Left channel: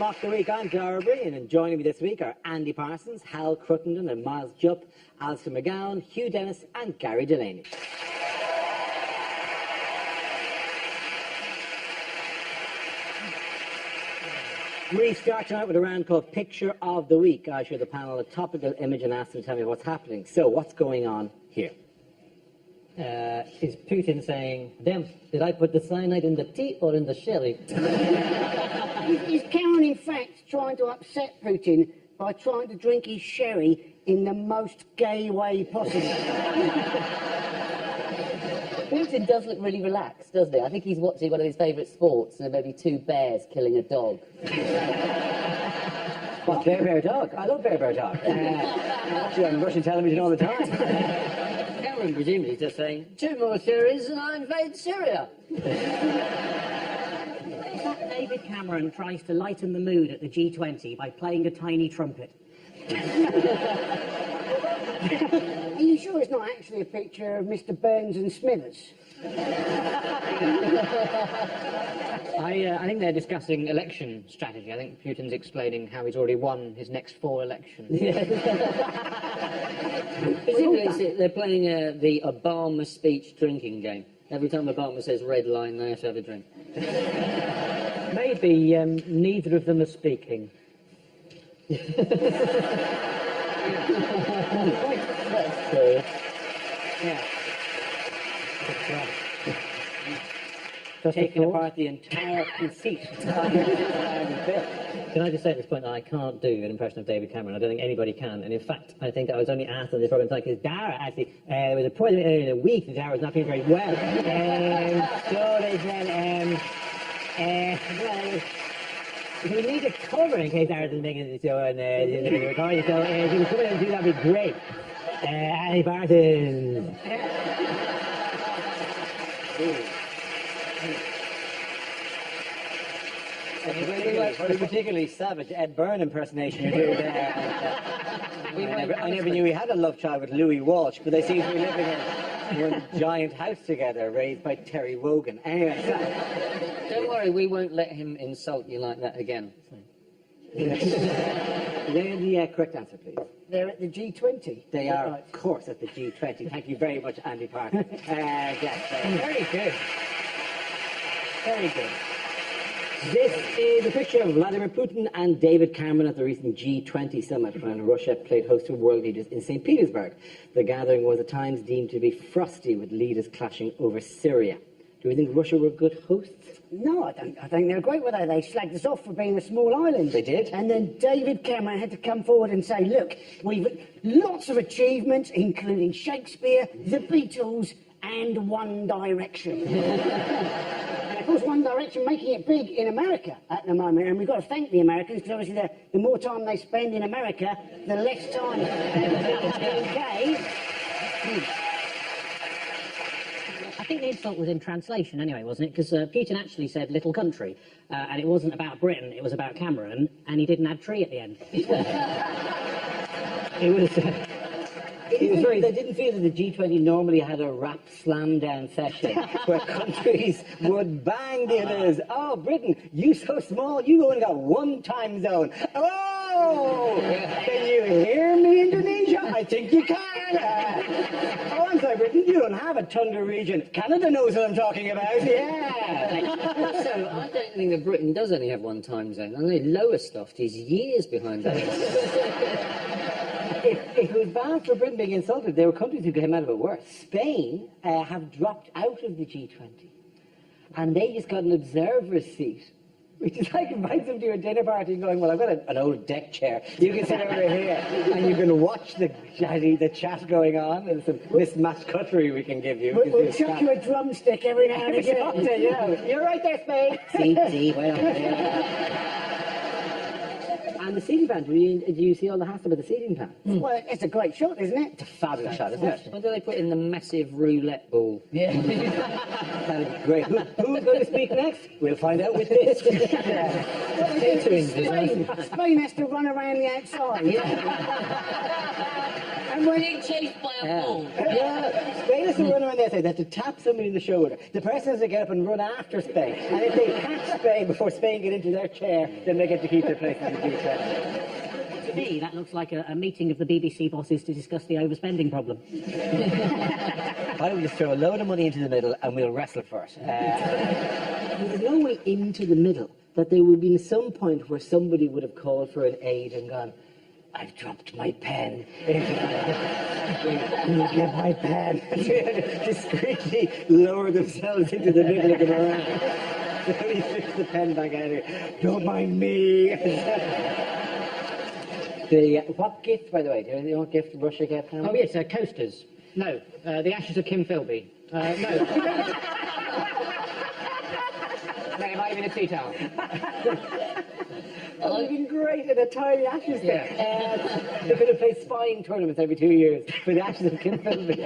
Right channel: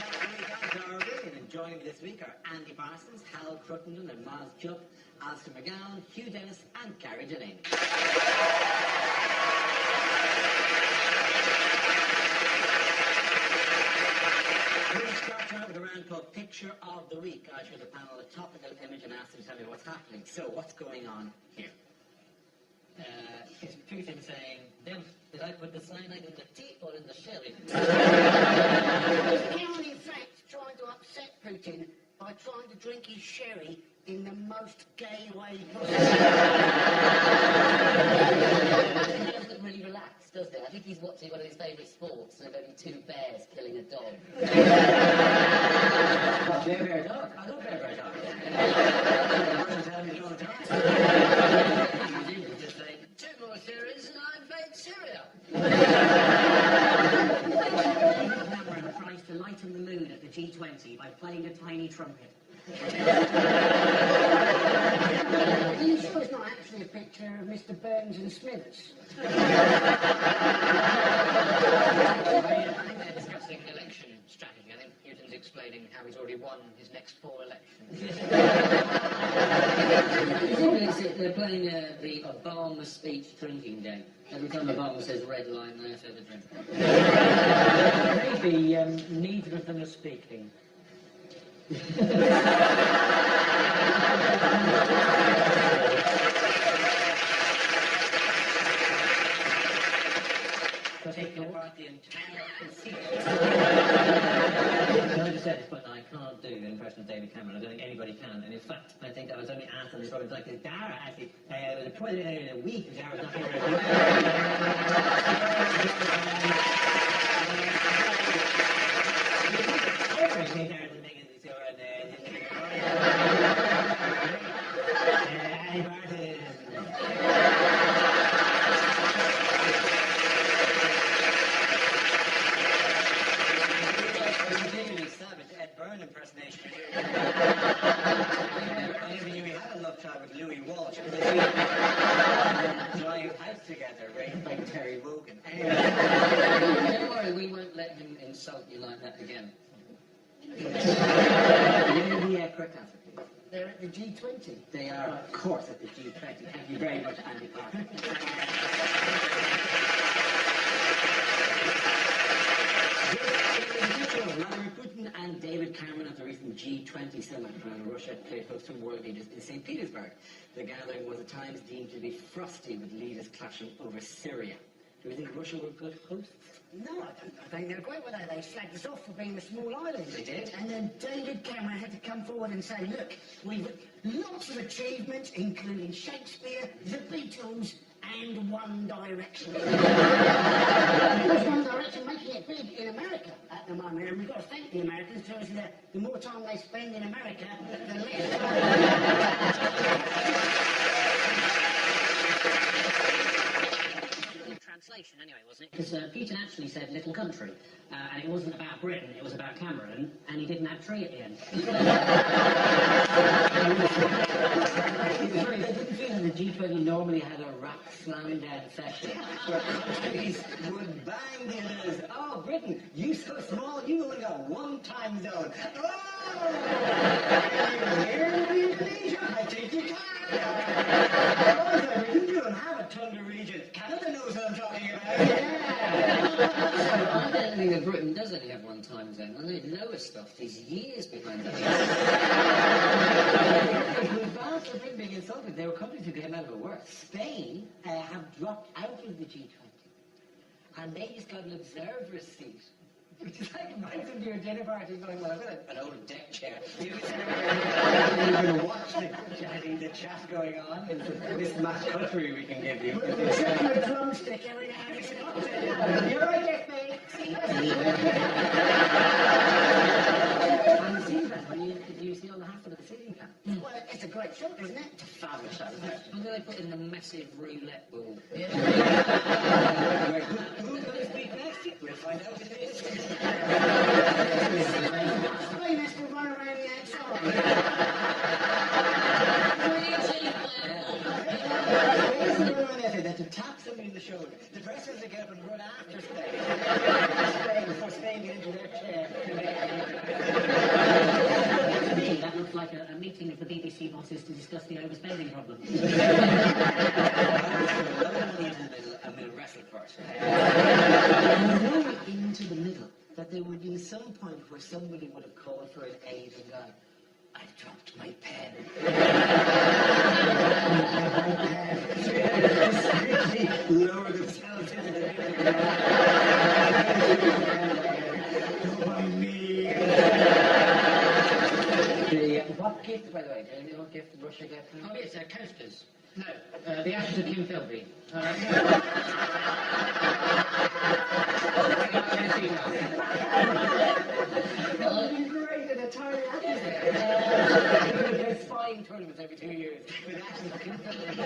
Mock the Week. I'm Dara Breen, and joining me this week are Andy Parsons, Hal Cruttenden and Miles Jupp, Alistair McGowan, Hugh Dennis and Gary Delaney. We start tonight with a round called Picture of the Week. I show the panel a topical image and ask them to tell me what's happening. So, what's going on here? Is Putin saying, "Damn, did I put the cyanide in the tea or in the sherry?" Is Cameron, in fact, trying to upset Putin by trying to drink his sherry in the most gay way possible? Putin does look really relaxed, doesn't he? I think he's watching one of his favourite sports, and there may be two bears killing a dog. What, bear dog? I love bear dog. Actually, on Russian television all the time. Cameron presumably just saying, 2 more series and I invade Syria. David Cameron tries to lighten the mood at the G20 by playing a tiny trumpet. Are you sure it's not actually a picture of Mr. Burns and Smithers? I think they're discussing election strategy. I think Putin's explaining how he's already won his next 4 elections. They're playing the Obama speech drinking game. Every time Obama says red line, they have to have a drink. Maybe neither of them are speaking. Taking apart the entire conceit. Can I just say at this point that I can't do an impression of David Cameron? I don't think anybody can. And in fact, I think I was only asked on this program tonight because Dara actually was a point in a week that Dara was not doing very well. If you need a cover in case Dara doesn't make it, so and the recording, so that'd be great. Andy Parsons. A particularly savage Ed Byrne impersonation you do there. I never knew he had a love child with Louis Walsh, but they seem to be living in a giant house together, raised by Terry Wogan. Anyway. Don't worry, we won't let him insult you like that again. Give me the correct answer, please. They're at the G20. They are, of course, at the G20. Thank you very much, Andy Parker. Very good. Very good. This is a picture of Vladimir Putin and David Cameron at the recent G20 summit when Russia played host to world leaders in St. Petersburg. The gathering was at times deemed to be frosty, with leaders clashing over Syria. Do you think Russia were good hosts? No, I think they're great, were they? They slagged us off for being a small island. They did. And then David Cameron had to come forward and say, look, we've lots of achievements, including Shakespeare, the Beatles, and One Direction. Of course, One Direction making it big in America at the moment, and we've got to thank the Americans, because obviously the more time they spend in America, the less time they I think the insult was in translation anyway, wasn't it? Because Putin actually said little country, and it wasn't about Britain, it was about Cameron, and he didn't add tree at the end. They didn't feel that the G20 normally had a rap slam down session where countries would bang the others. Oh, Britain, you so small, you only got one time zone. Oh, can you hear me, Indonesia? I think you can. Oh, sorry, Britain, you don't have a tundra region. Canada knows what I'm talking about. Yeah. I don't think that Britain does only have one time zone. I know Lowestoft is years behind that. It was bad for Britain being insulted. There were countries who came out of it worse. Spain have dropped out of the G20. And they just got an observer's seat. Which is like invite them to your dinner party going, well, I've got an old deck chair. You can sit over here and you can watch the chat going on. And some mismatched cutlery we can give you. We'll check your drumstick every now and again. Yeah. You're right there, Spain. See. And the seating plan, do you see all the hassle about the seating plan? Well, it's a great shot, isn't it? It's a fabulous shot, isn't it? What do they put in the massive roulette ball? Yeah. Great. Who's going to speak next? We'll find out with this. Spain has to run around the outside. And when he chased by a bull. Spain has to run around the say, they have to tap somebody in the shoulder. The person has to get up and run after Spain. And if they catch Spain before Spain get into their chair, then they get to keep their place in the future. To me, that looks like a meeting of the BBC bosses to discuss the overspending problem. I would throw a load of money into the middle and we'll wrestle for it. There's no way into the middle, but there would be some point where somebody would have called for an aid and gone, I've dropped my pen. My pen. Discreetly lower themselves into the middle of the line. Put the pen back out. Don't mind me. What gift, by the way? Do you know what gift Russia gave? Oh, yes, coasters. No, the ashes of Kim Philby. No. Right, I'm going to see that. That would have been great at a tiny ashes there. They're going to play spying tournaments every 2 years for the ashes of Kim Philby.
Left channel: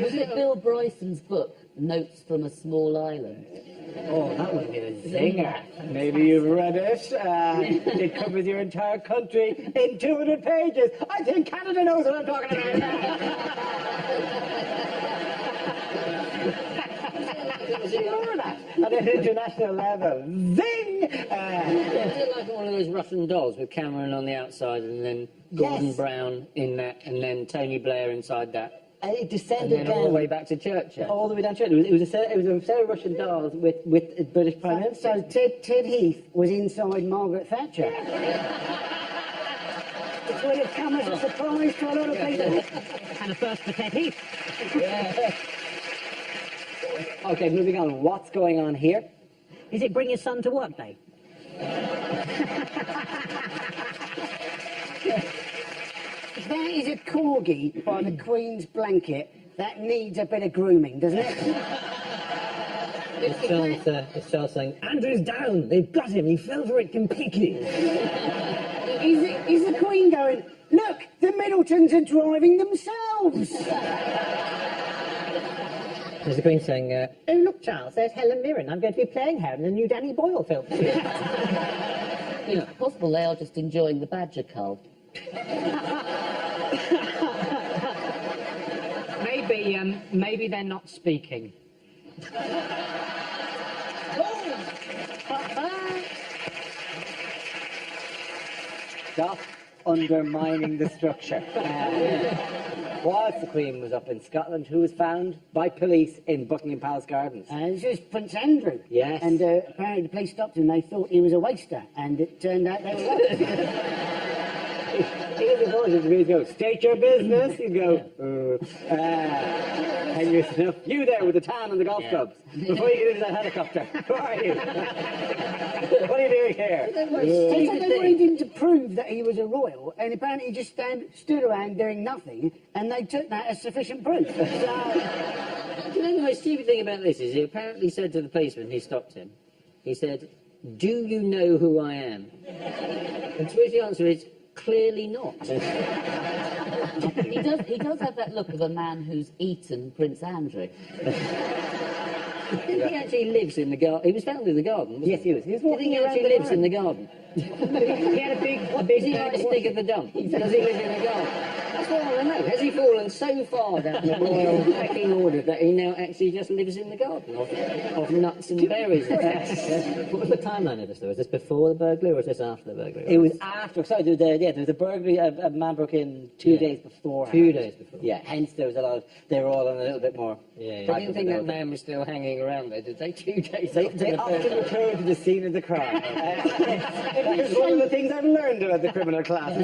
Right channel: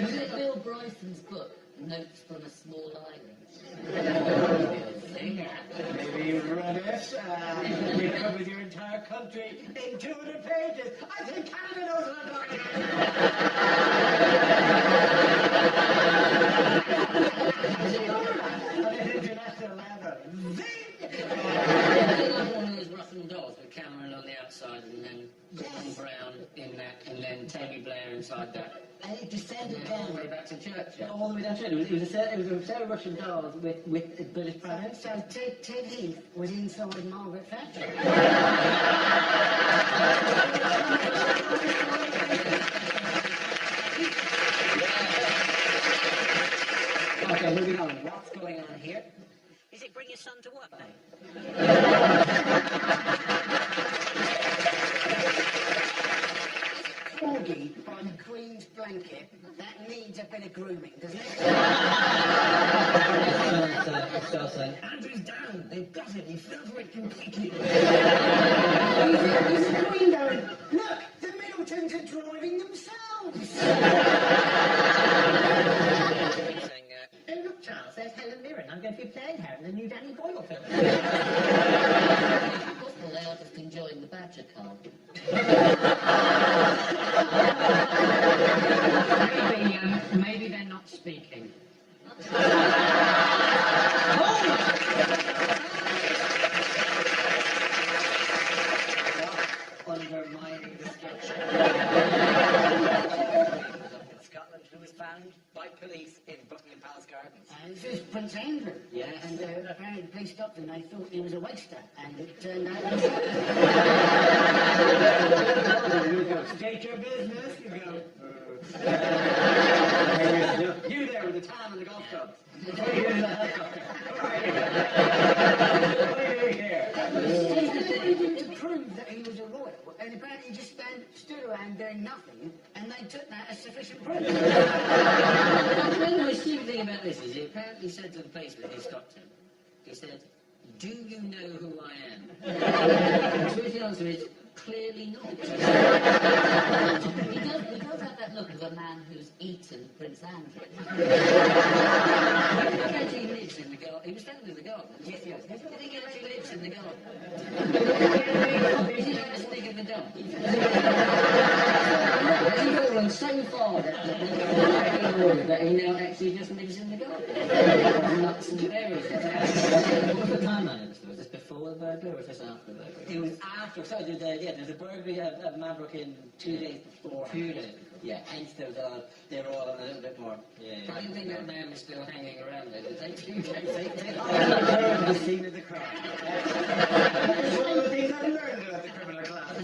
Was it Bill Bryson's book, Notes from a Small Island? Oh, that would be a zinger. Maybe you've read it. It covers your entire country in 200 pages. I think Canada knows what I'm talking about. On an international level. Zing! It's like one of those Russian dolls with Cameron on the outside and then Gordon Brown in that and then Tony Blair inside that. And it And descended then all the way back to Churchill. all the way down to it. It was a set of Russian dolls with British Prime Minister. So Ted Heath was inside Margaret Thatcher. And of course, the Ted Heath. Okay, moving on. What's going on here? Is it Bring Your Son to Work Day? That is a corgi by the Queen's blanket that needs a bit of grooming, doesn't it? It starts saying, Andrew's down. They've got him. He fell for it completely. Is the Queen going, look, the Middletons are driving themselves? There's the Queen saying, Oh, look, Charles, there's Helen Mirren. I'm going to be playing her in the new Danny Boyle film. It's possible they are just enjoying the badger cull. Maybe they're not speaking. stop undermining the structure. Whilst the Queen was up in Scotland, who was found by police in Buckingham Palace Gardens. This is Prince Andrew. Yes. And apparently the police stopped him. They thought he was a waster, and it turned out they were. He'd go, state your business. He'd go, you there with the tan and the golf clubs. Before you do the helicopter. Who are you? What are you doing here? They wanted him to prove that he was a royal, and apparently he just stood around doing nothing, and they took that as sufficient proof. You know, the most stupid thing about this is he apparently said to the policeman, he stopped him, he said, do you know who I am? And to which the answer is, clearly not. He does have that look of a man who's eaten Prince Andrew. He actually lives in the garden. He was found in the garden. Yes, he was. He was walking He around actually the lives in the garden. Is he like a stick at the dump? Does he live in the garden? Has he fallen so far down the royal pecking order that he now actually just lives in the garden of nuts and berries? What was the timeline of this, though? Was this before the burglary or was this after the burglary? It was after. So there was a burglary, a man broke in 2 days before. 2 days before. Yeah, hence there was a lot of, they were all on a little bit more. They didn't think that man was still hanging around there, did they? 2 days. They often returned to the scene of the crime. That's one of the things I've learned about the criminal class.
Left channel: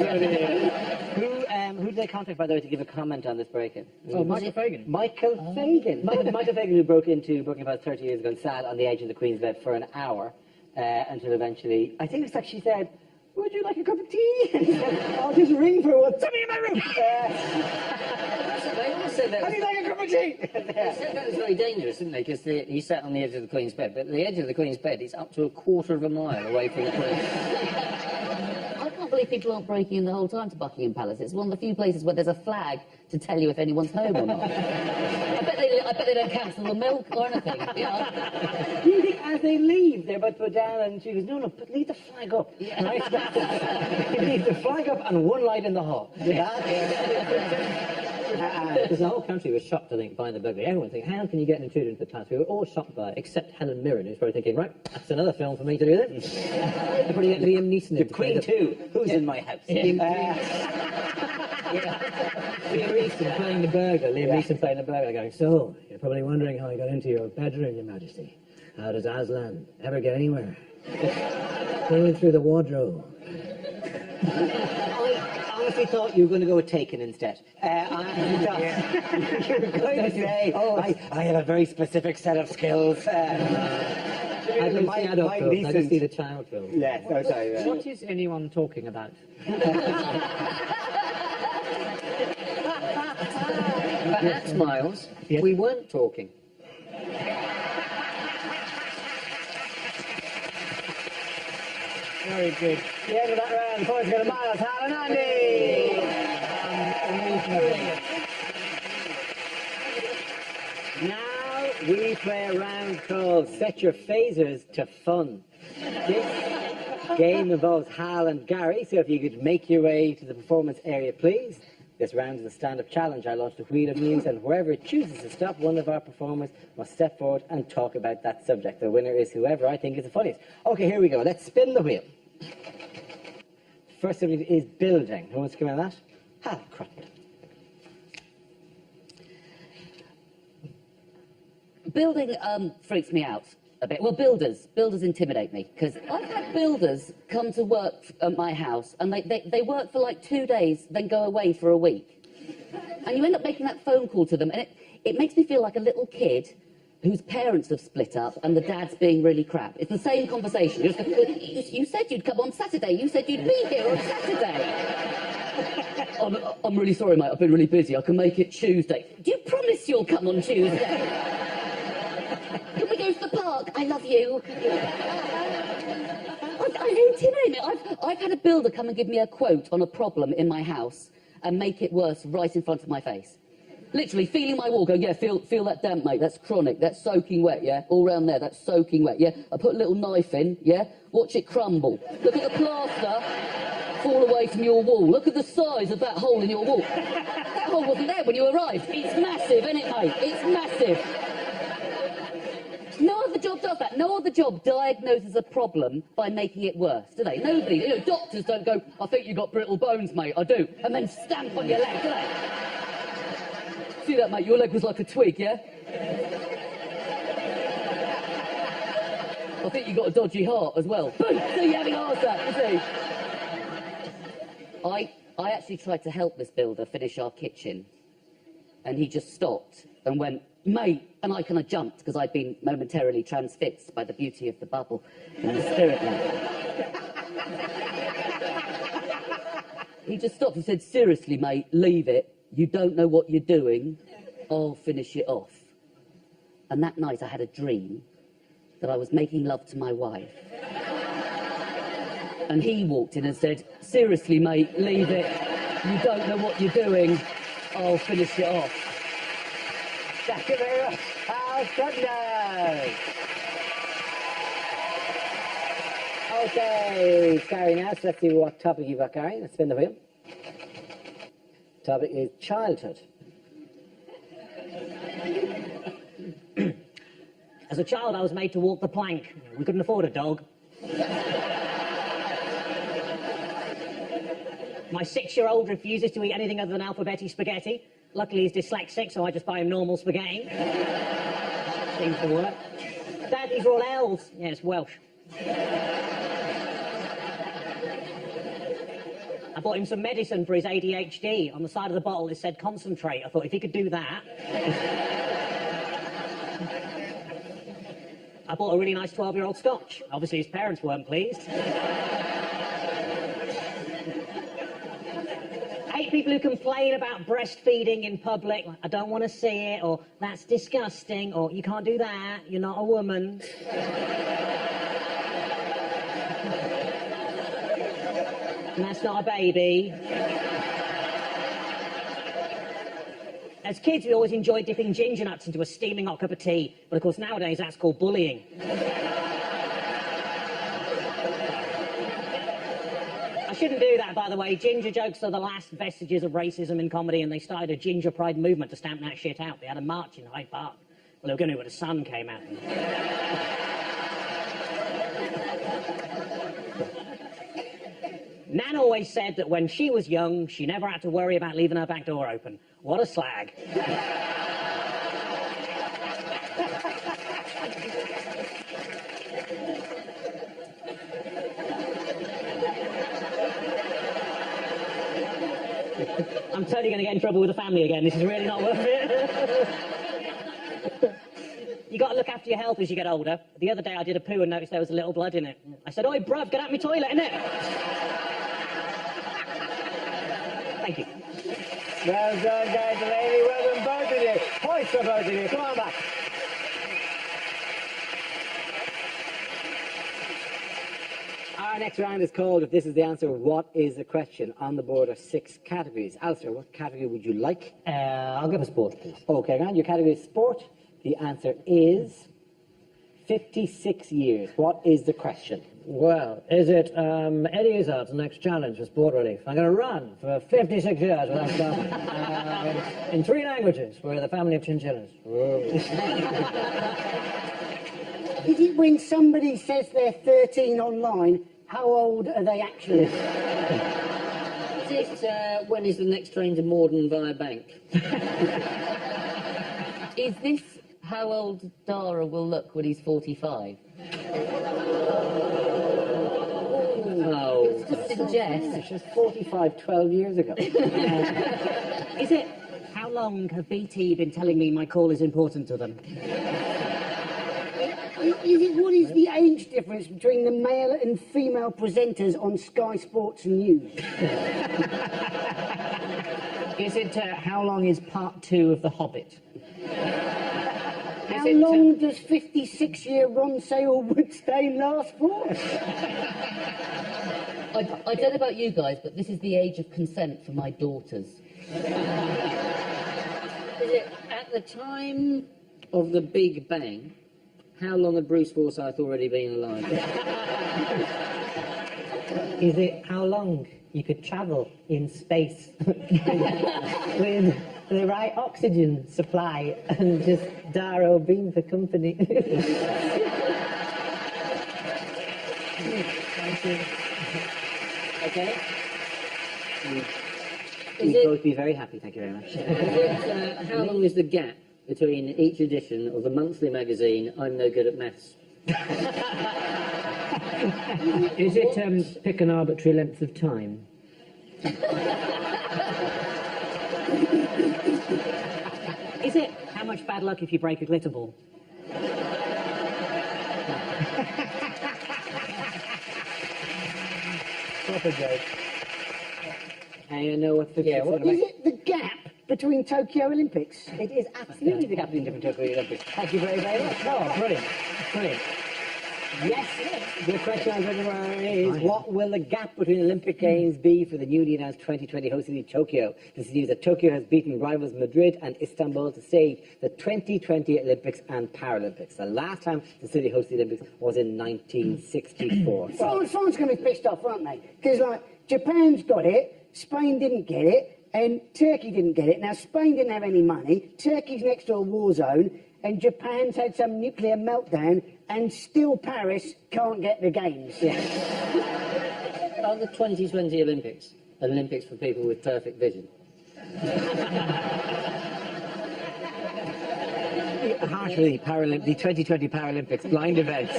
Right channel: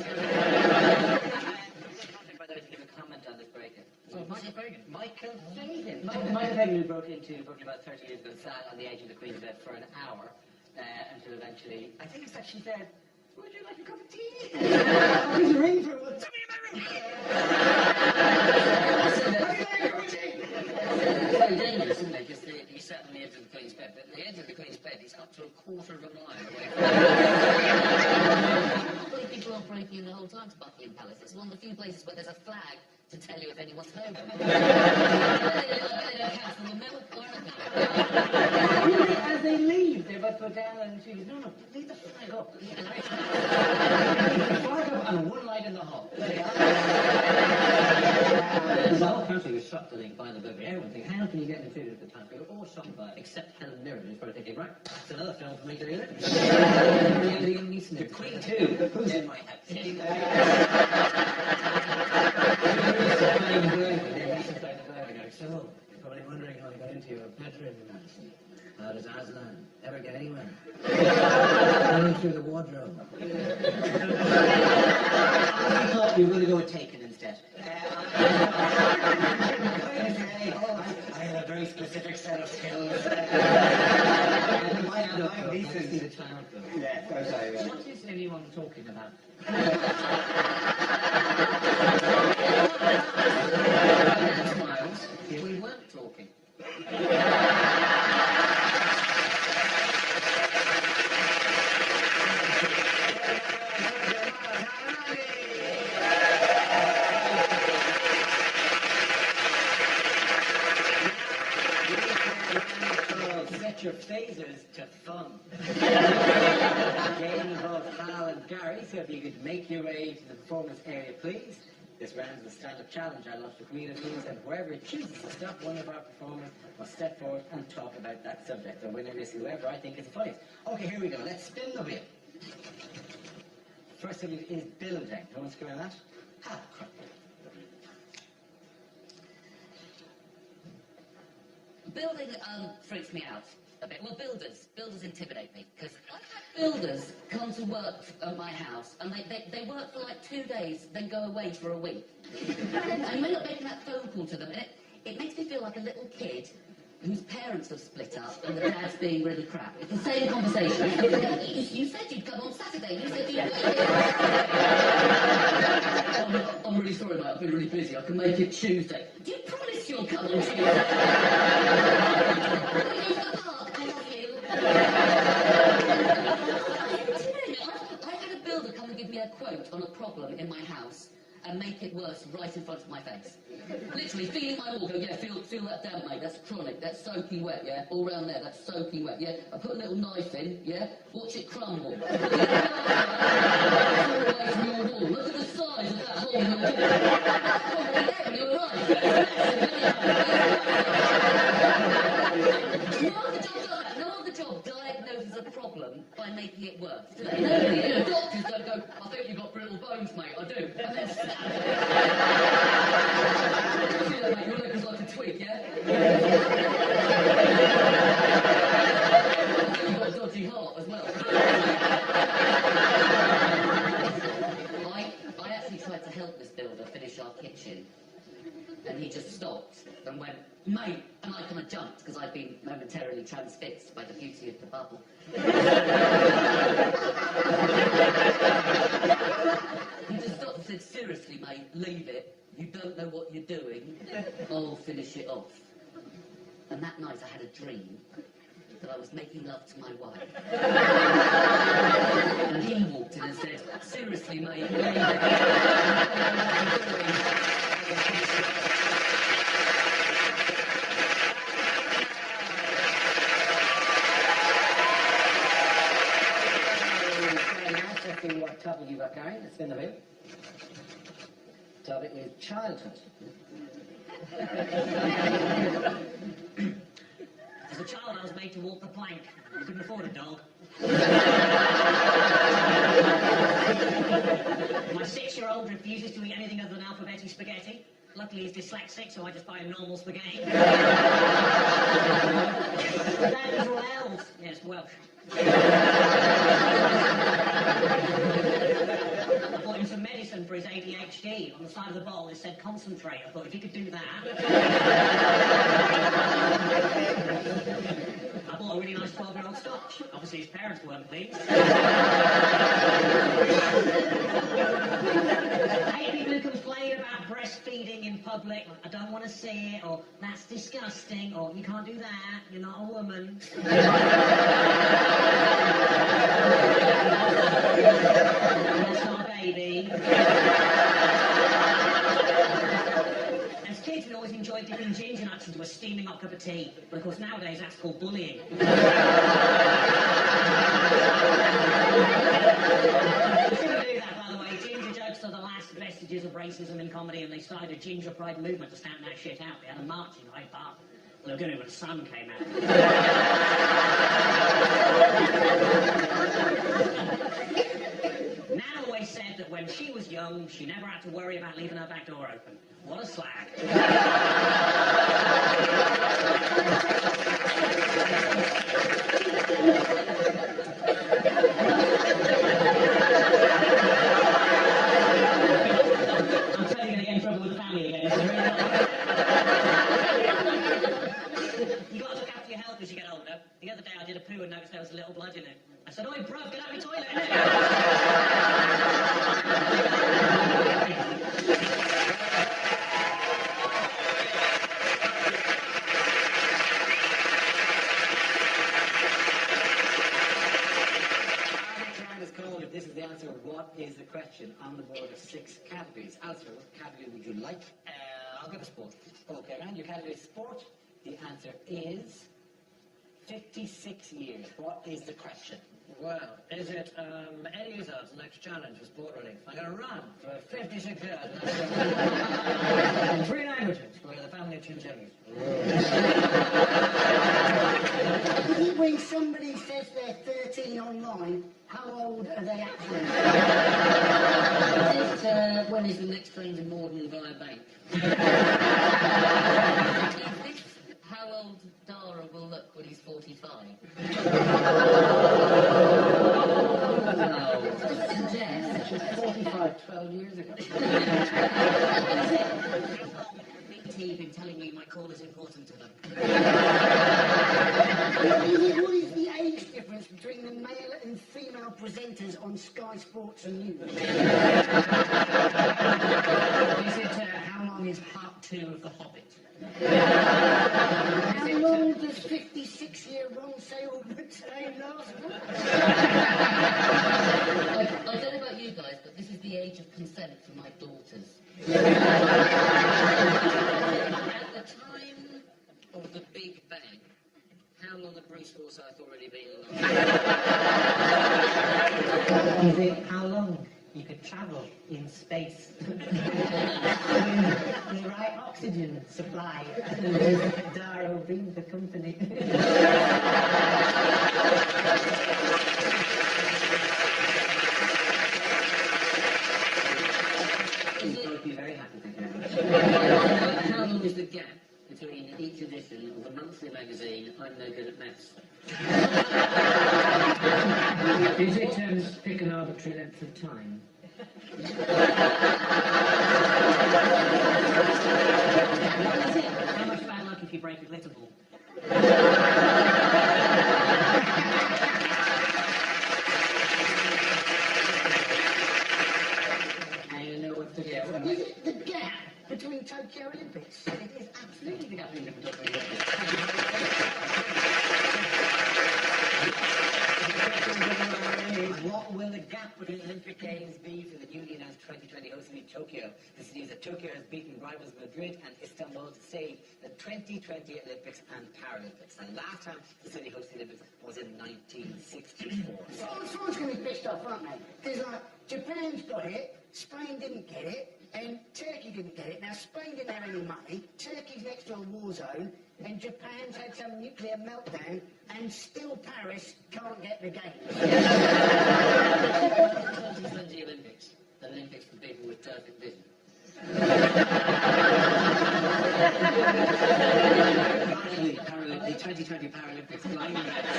Who did they contact, by the way, to give a comment on this break-in? Oh, Michael Fagan. Michael Fagan. Michael Fagan, who broke into Buckingham Palace 30 years ago and sat on the edge of the Queen's bed for an hour until eventually, I think it's like she said, would you like a cup of tea? I'll just ring for one. Somebody in my room! Would you like a cup of tea? It's very dangerous, isn't it? Because he sat on the edge of the Queen's bed, but the edge of the Queen's bed is up to a quarter of a mile away from I can't believe people aren't breaking in the whole time to Buckingham Palace. It's one of the few places where there's a flag to tell you if anyone's home or not. I bet they don't cancel the milk or anything. You think as they leave, they're about to put down, and she goes, no, but leave the flag up. Yeah. Right? Leave the flag up and one light in the hall. Because the whole country was shocked, I think, by the burglary. Everyone thinking, how can you get intruded into the palace? We were all shocked by it, except Helen Mirren, who's probably thinking, right, that's another film for me to do then. Liam Neeson. The Queen too. Who's in my house? Liam Neeson playing the burglar. Liam Neeson playing the burglar, going, so, you're probably wondering how I got into your bedroom, Your Majesty. How does Aslan ever get anywhere? Going through the wardrobe. I thought you were going to go with Taken instead. I have a very specific set of skills. I didn't see adult films, I just see the child film. Yeah, sorry. Yeah. What is anyone talking about? Next, Miles, we weren't talking. Very good. The end of that round, points go to Miles, Hal and Andy. Now we play a round called Set Your Phasers to Fun. This game involves Hal and Gary, so if you could make your way to the performance area, please. This round is a stand-up challenge. I launched a wheel of news, and wherever it chooses to stop, one of our performers must step forward and talk about that subject. The winner is whoever I think is the funniest. Okay, here we go. Let's spin the wheel. First subject is building. Who wants to come out of that? Hal Cruttenden. Building freaks me out a bit. Well, builders intimidate me, because I've had builders come to work at my house, and they work for like 2 days, then go away for a week. And you end up making that phone call to them, and it makes me feel like a little kid whose parents have split up and the dad's being really crap. It's the same conversation. You said you'd come on Saturday. You said you'd be here on Saturday. I'm really sorry, mate. I've been really busy. I can make it Tuesday. Do you promise you'll come on Tuesday? Can we go to the park? I love you. You intimidate me. I've had a builder come and give me a quote on a problem in my house and make it worse right in front of my face. Literally feeling my wall, go, yeah, feel that damp, mate, that's chronic, that's soaking wet, yeah, all round there, that's soaking wet, yeah. I put a little knife in, yeah, watch it crumble. Look at the plaster fall away from your wall. Look at the size of that hole in your wall. That hole wasn't there when you arrived. It's massive, isn't it, mate? It's massive. No other job does that. No other job diagnoses a problem by making it worse, do they? Nobody. You know, doctors don't go, I think you've got brittle bones, mate, I do, and then stamp on your leg. See that, mate? Your leg was like a twig, yeah? I think you've got a dodgy heart as well. I actually tried to help this builder finish our kitchen, and he just stopped and went, mate, and I kind of jumped because I'd been momentarily transfixed by the beauty of the bubble. He just stopped and said, seriously, mate, leave it. You don't know what you're doing. I'll finish it off. And that night I had a dream that I was making love to my wife. And he walked in and said, seriously, mate, leave it. You don't know what you're doing. I'll finish it off. Thank you very much. Okay, Gary, now let's see what topic you've got, Gary. Let's spin the wheel. Topic is childhood. As a child, I was made to walk the plank. We couldn't afford a dog. My 6-year-old refuses to eat anything other than alphabeti spaghetti. Luckily, he's dyslexic, so I just buy him normal spaghetti. Dad, these are all L's. Yeah, it's Welsh. I bought him some medicine for his ADHD. On the side of the bottle, it said concentrate. I thought, if he could do that... I bought a really nice 12-year-old Scotch. Obviously, his parents weren't pleased. I hate people who complain about breastfeeding in public. Like, I don't want to see it, or that's disgusting, or you can't do that, you're not a woman. And that's not a baby. As kids, we always enjoyed dipping ginger nuts into a steaming hot cup of tea. But of course, nowadays, that's called bullying. You shouldn't do that, by the way. Ginger jokes are the last vestiges of racism in comedy, and they started a ginger pride movement to stamp that shit out. They had a march in Hyde Park. Well, they were going to when the sun came out. Nan always said that when she was young, she never had to worry about leaving her back door open. What a slag. I'm totally going to get in trouble with the family again. This is really not worth it. You got to look after your health as you get older. The other day I did a poo and noticed there was a little blood in it. I said, "Oi, bruv, get out my toilet, innit?" Well done, Delaney. Well done, both of you. Points for both of you. Come on back. Our next round is called If This Is the Answer, What is the Question? On the board are 6 categories. Alistair, what category would you like? I'll give a sport, please. Okay, Grant, your category is sport. The answer is 56 years. What is the question? Well, is it Eddie Izzard's next challenge for sport relief? I'm going to run for 56 years without stopping. In 3 languages, we're the family of chinchillas. Is it when somebody says they're 13 online, how old are they actually? Is it, when is the next train to Morden via Bank? Is this how old Dara will look when he's 45? No. Suggest. She's 45, 12 years ago. Is it? How long have BT been telling me my call is important to them? What is the age difference between the male and female presenters on Sky Sports and News? Is it how long is part 2 of The Hobbit? How long does 56-year Ron Sale-Wood stay last for? I don't know about you guys, but this is the age of consent for my daughters. At the time of the Big Bang, how long had Bruce Forsyth already been alive? Is it how long you could travel in space with the right oxygen supply and just Dara being for company? Okay. You'd both be very happy, thank you very much. How long is the gap between each edition of the monthly magazine I'm No Good at Maths? Is it pick an arbitrary length of time? Is it how much bad luck if you break a glitter ball? I know what the Is it the gap between Tokyo Olympics? It is absolutely the captain of the Tokyo Olympics. Thank you very, very much. Oh, brilliant. Brilliant. Yes, the question is, what will the gap between Olympic Games be for the newly announced 2020 host city Tokyo? This is news that Tokyo has beaten rivals Madrid and Istanbul to stage the 2020 Olympics and Paralympics. The last time the city hosted the Olympics was in 1964. France going to be pissed off, aren't they? Because, like, Japan's got it, Spain didn't get it, and Turkey didn't get it. Now, Spain didn't have any money, Turkey's next to a war zone, and Japan's had some nuclear meltdown, and still Paris can't get the games. About the 2020 Olympics, an Olympics for people with perfect vision. Partially the 2020 Paralympics blind events.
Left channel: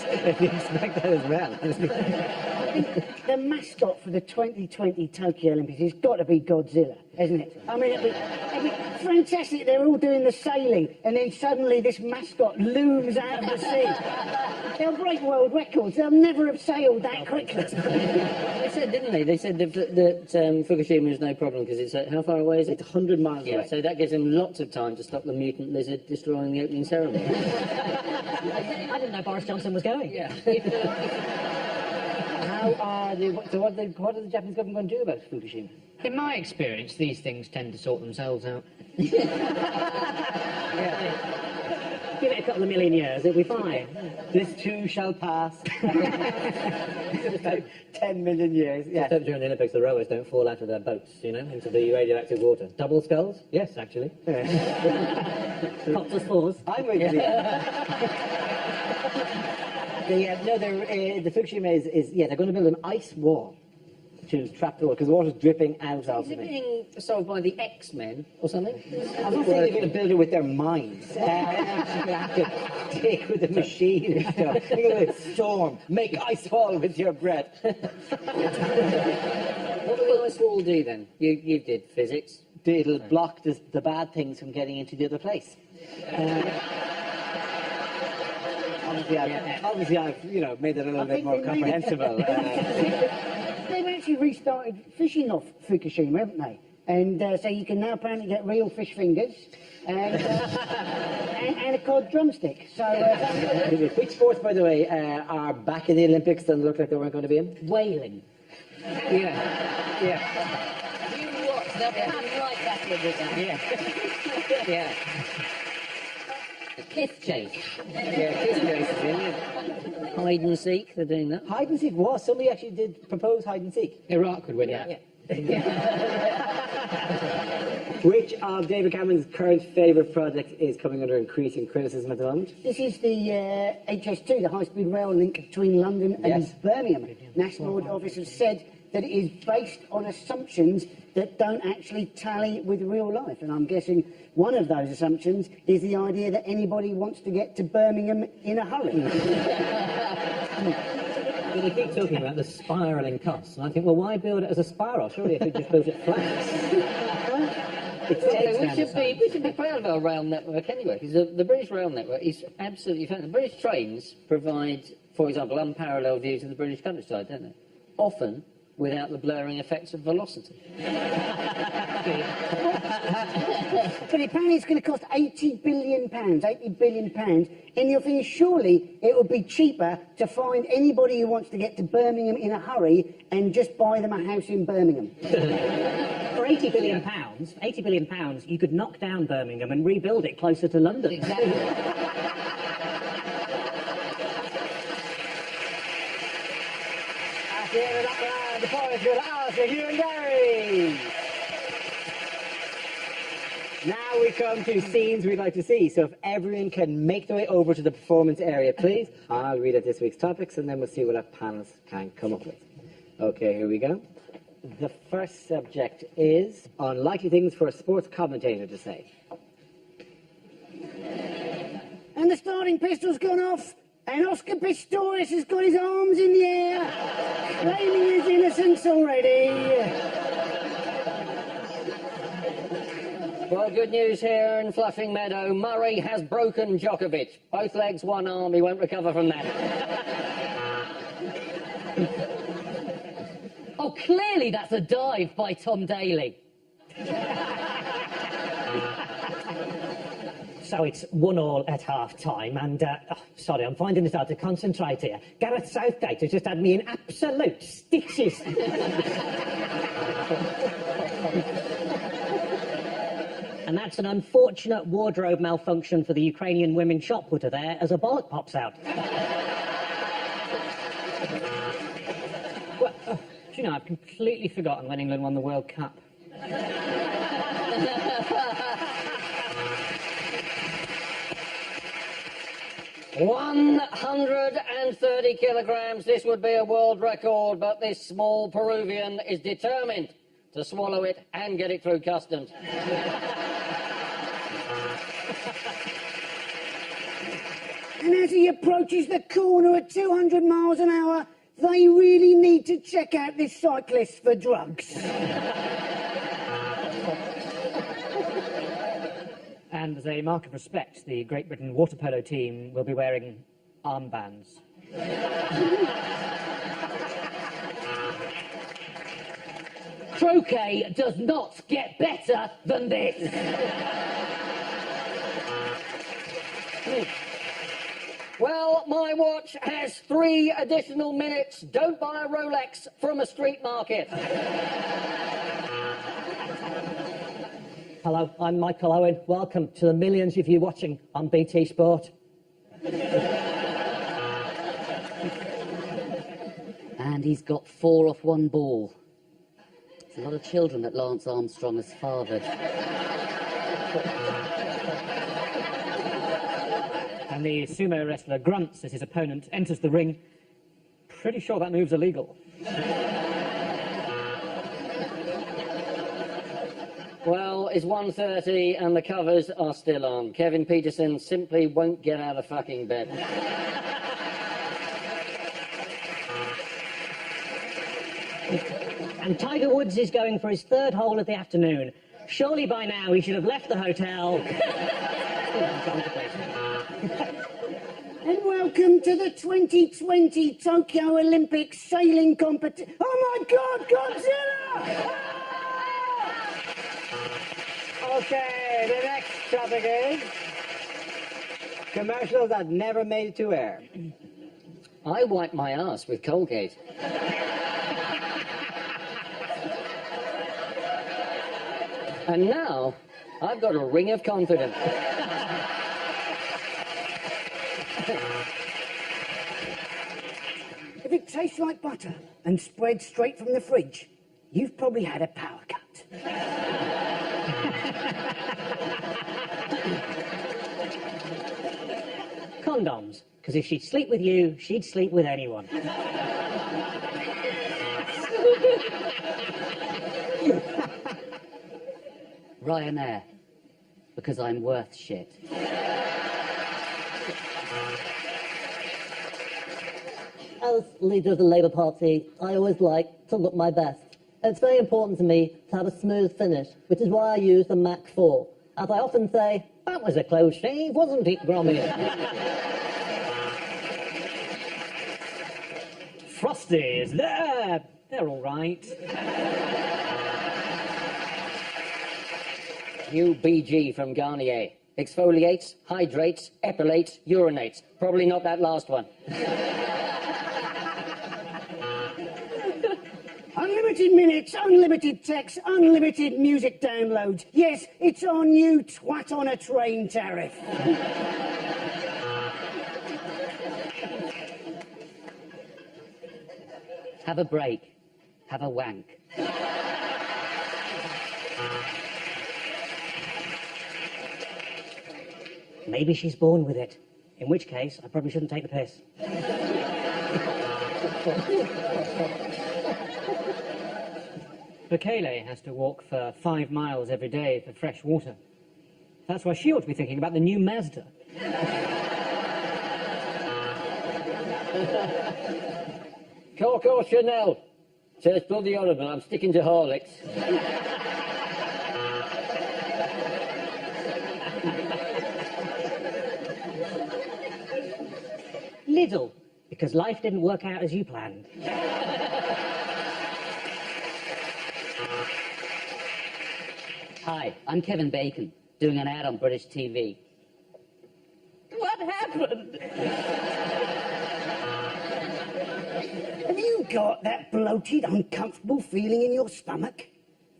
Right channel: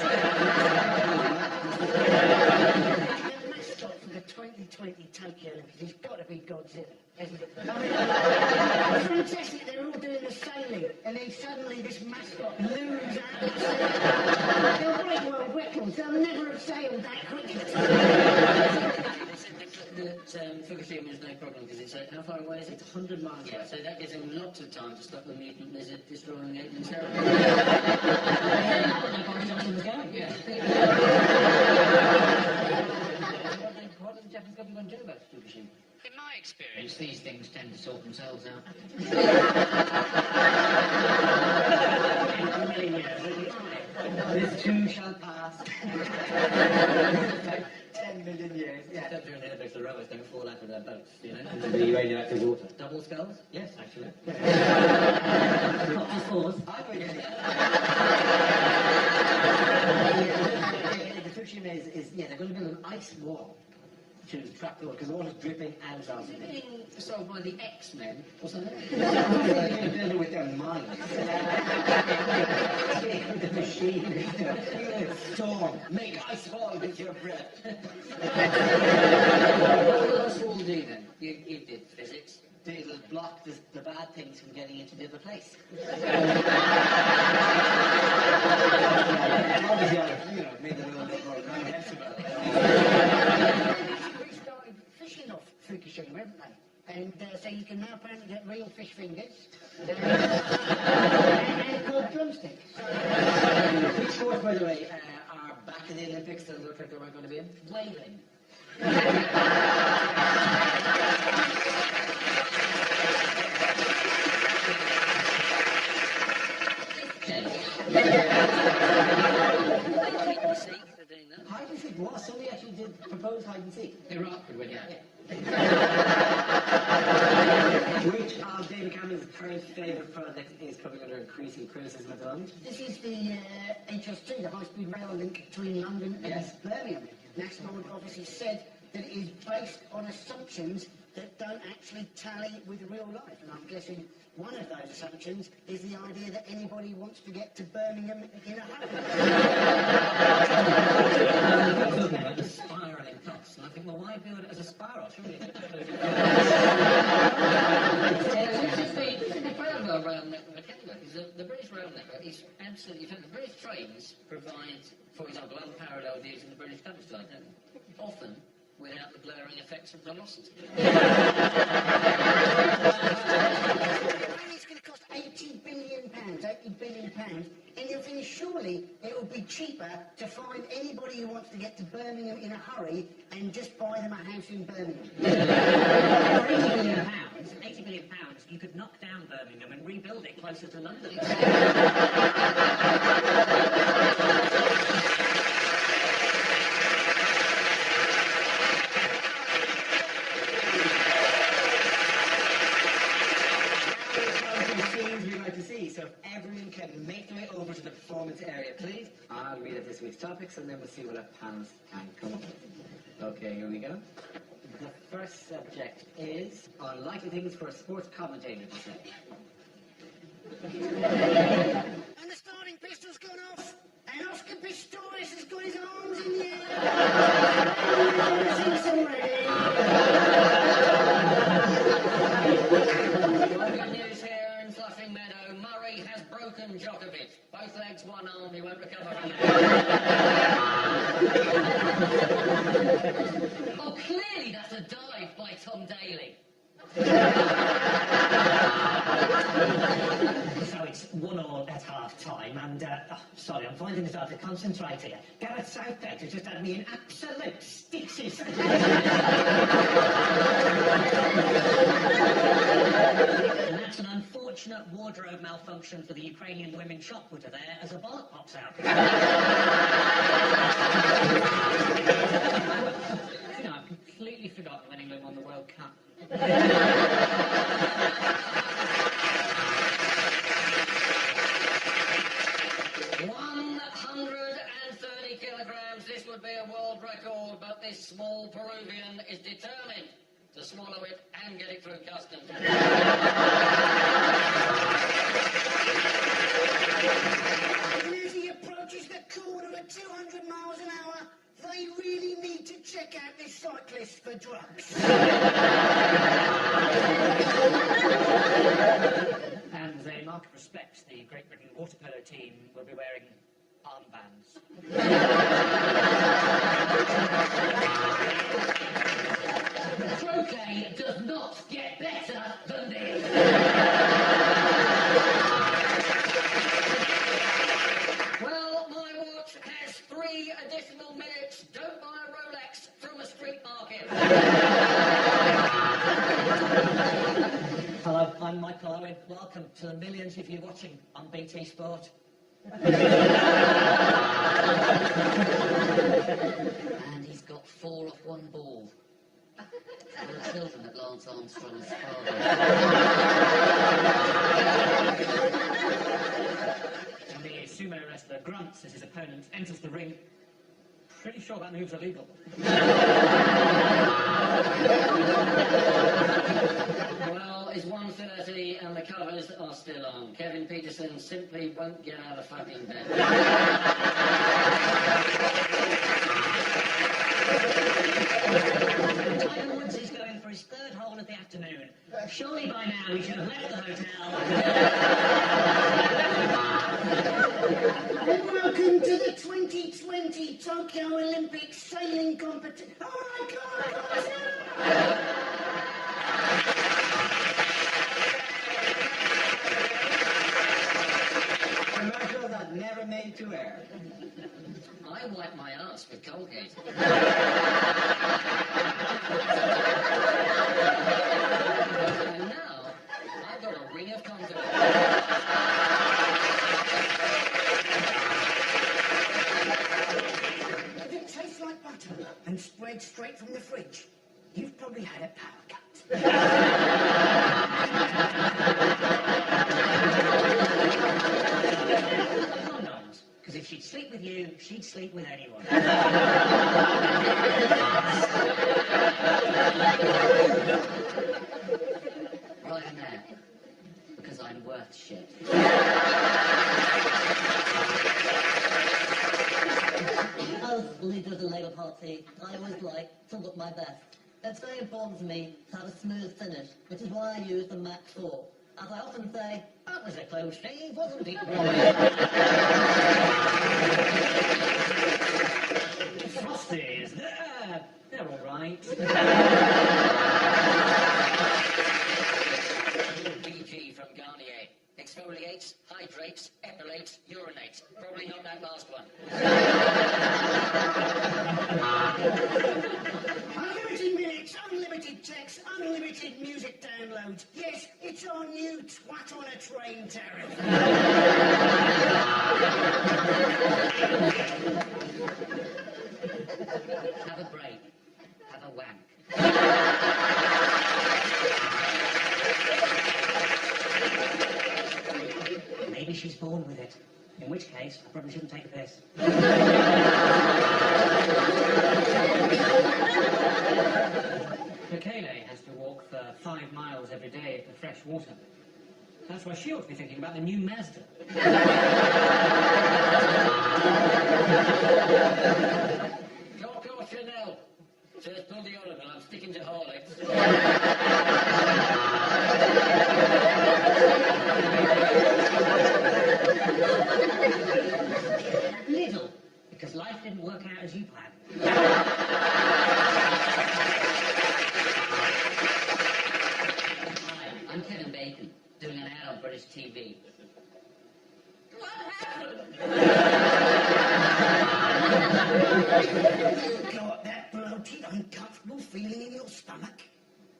The mascot for the 2020 Tokyo Olympics has got to be Godzilla, hasn't it? I mean, it's fantastic. They're all doing the sailing, and then suddenly this mascot looms out of the sea. They'll break world records. They'll never have sailed that quickly. They said, didn't they? They said that Fukushima is no problem because it's how far away is it? It's 100 miles Yeah, away. so that gives them lots of time to stop the mutant lizard destroying the opening ceremony. I didn't know Boris Johnson was going. Yeah. The So what is the Japanese government going to do about Fukushima? In my experience, these things tend to sort themselves out. Give it a couple of million years, it'll be fine. This too shall pass. About 10 million years. Yeah. Just during the Olympics, the rowers don't fall out of their boats, you know, into the radioactive water. Double skulls? Yes, actually. Not just fours. I'm with you. The Fukushima is, they're going to build an ice wall to trap the water, because the water's dripping out of Is it it. being solved by the X-Men or something? I'm not saying they're going to build it with their minds. Take with the machine and stuff. Look at this storm. Make ice wall with your breath. What will this wall do then? You did physics. It'll block the bad things from getting into the other place. Obviously, I've made it a little bit more comprehensible. They've actually restarted fishing off Fukushima, haven't they? And so you can now apparently get real fish fingers and a cod drumstick. So, Which sports, by the way, are back in the Olympics that look like they weren't going to be in? Whaling. Hide and seek, they're doing that. Hide and seek was. Somebody actually did propose hide and seek. Iraq would win that. Which of David Cameron's current favourite projects is coming under increasing criticism at the moment? this is the HS2, the high-speed rail link between London and Birmingham. National Office has said that it is based on assumptions that don't actually tally with real life. And I'm guessing one of those assumptions is the idea that anybody wants to get to Birmingham in a hurry. And we keep talking about the spiralling costs, and I think, well, why build it as a spiral? Surely if you just build it flat. We should be proud of our rail network anyway, because the British rail network is absolutely fantastic. The British trains provide, for example, unparalleled views of the British countryside, don't they? Often without the blurring effects of velocity. But apparently it's going to cost £80 billion, £80 billion, and you're thinking surely it would be cheaper to find anybody who wants to get to Birmingham in a hurry and just buy them a house in Birmingham. For £80 billion, you could knock down Birmingham and rebuild it closer to London. Exactly. Now we come to the scenes we'd like to see. So if everyone can make their way over to the performance area, please. I'll read out this week's topics and then we'll see what our panelists can come up with. Okay, here we go. The first subject is unlikely things for a sports commentator to say. And the starting pistol's gone off, and Oscar Pistorius has got his arms in the air, claiming his innocence already. Well, good news here in Flushing Meadow. Murray has broken Djokovic. Both legs, one arm. He won't recover from that. Oh, clearly that's a dive by Tom Daley. So it's 1-1 at half-time, and, sorry, I'm finding it hard to concentrate here. Gareth Southgate has just had me in absolute stitches. And that's an unfortunate wardrobe malfunction for the Ukrainian women shop putter there as a bollock pops out. You know, I've completely forgotten when England won the World Cup. 130 kilograms. This would be a world record, but this small Peruvian is determined to swallow it and get it through customs. And as he approaches the corner at 200 miles an hour, they really need to check out this cyclist for drugs. And as a mark of respect, the Great Britain water polo team will be wearing armbands. Croquet does not get better than this. Well, my watch has 3 additional minutes. Don't buy a Rolex from a street market. Hello, I'm Michael Owen. Welcome to the millions of you watching on BT Sport. And he's got 4 off 1 ball. There's a lot of children that Lance Armstrong has fathered. And the sumo wrestler grunts as his opponent enters the ring. Pretty sure that move's illegal. Well, it's 1:30 and the covers are still on. Kevin Peterson simply won't get out of fucking bed. And Tiger Woods is going for his 3rd hole of the afternoon. Surely by now he should have left the hotel. And welcome to the 2020 Tokyo Olympic sailing competition. Oh my God, Godzilla! Okay, the next category. Commercials that never made it to air. I wipe my ass with Colgate. And now, I've got a ring of confidence. If it tastes like butter and spreads straight from the fridge, you've probably had a power cut. Condoms. Because if she'd sleep with you, she'd sleep with anyone. Ryanair. Because I'm worth shit. As leader of the Labour Party, I always like to look my best. It's very important to me to have a smooth finish, which is why I use the Mach 4. As I often say, that was a close shave, wasn't it, Grommy? Frosties, they're all right. New BG from Garnier. Exfoliates, hydrates, epilates, urinates. Probably not that last one. Unlimited minutes, unlimited text, unlimited music downloads. Yes, it's our new twat on a train tariff. Have a break. Have a wank. Maybe she's born with it. In which case, I probably shouldn't take the piss. Bekele has to walk for 5 miles every day for fresh water. That's why she ought to be thinking about the new Mazda. Coco Chanel. Says bloody horrible, I'm sticking to Horlicks. Lidl, because life didn't work out as you planned. Hi, I'm Kevin Bacon, doing an ad on British TV. What happened? Have you got that bloated, uncomfortable feeling in your stomach?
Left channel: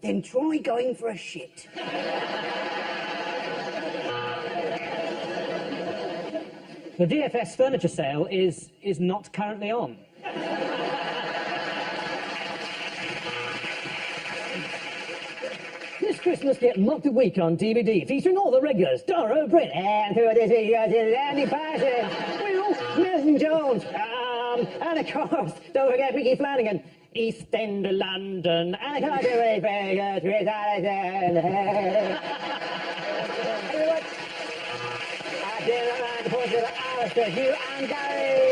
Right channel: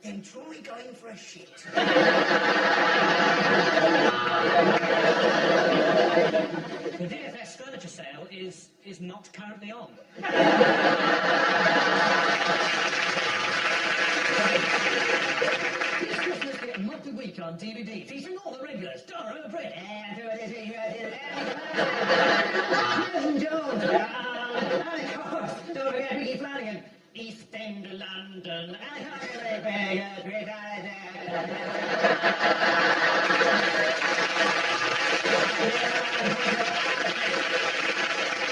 Then try going for a shit. The DFS furniture sale is not currently on. This Christmas, get Mocked a Week on DVD, featuring all the regulars, Dara O'Brien, and through this year, Andy Patterson, Nelson Jones, and of course, don't forget Ricky Flanagan, East End of London, and I can't get away from Chris Allison. Alistair, and Gary.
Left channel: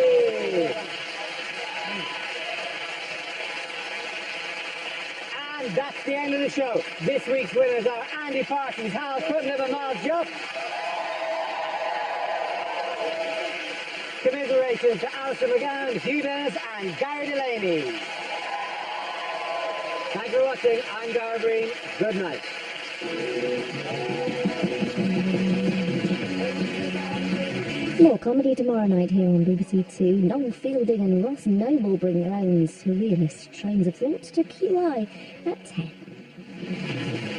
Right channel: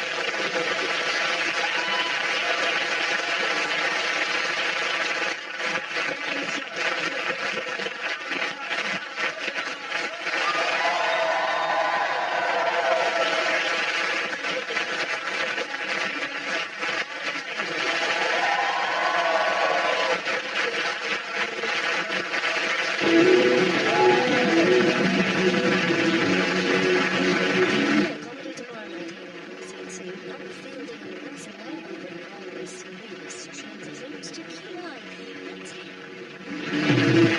And that's the end of the show. This week's winners are Andy Parsons, Hal Cruttenden and Mark Jupp. Commiserations to Alistair McGowan, Hugh Dennis and Gary Delaney. Thanks for watching. I'm Dara Green. Good night. More comedy tomorrow night here on BBC Two. Noel Fielding and Ross Noble bring on surrealist trains of thought to QI at 10.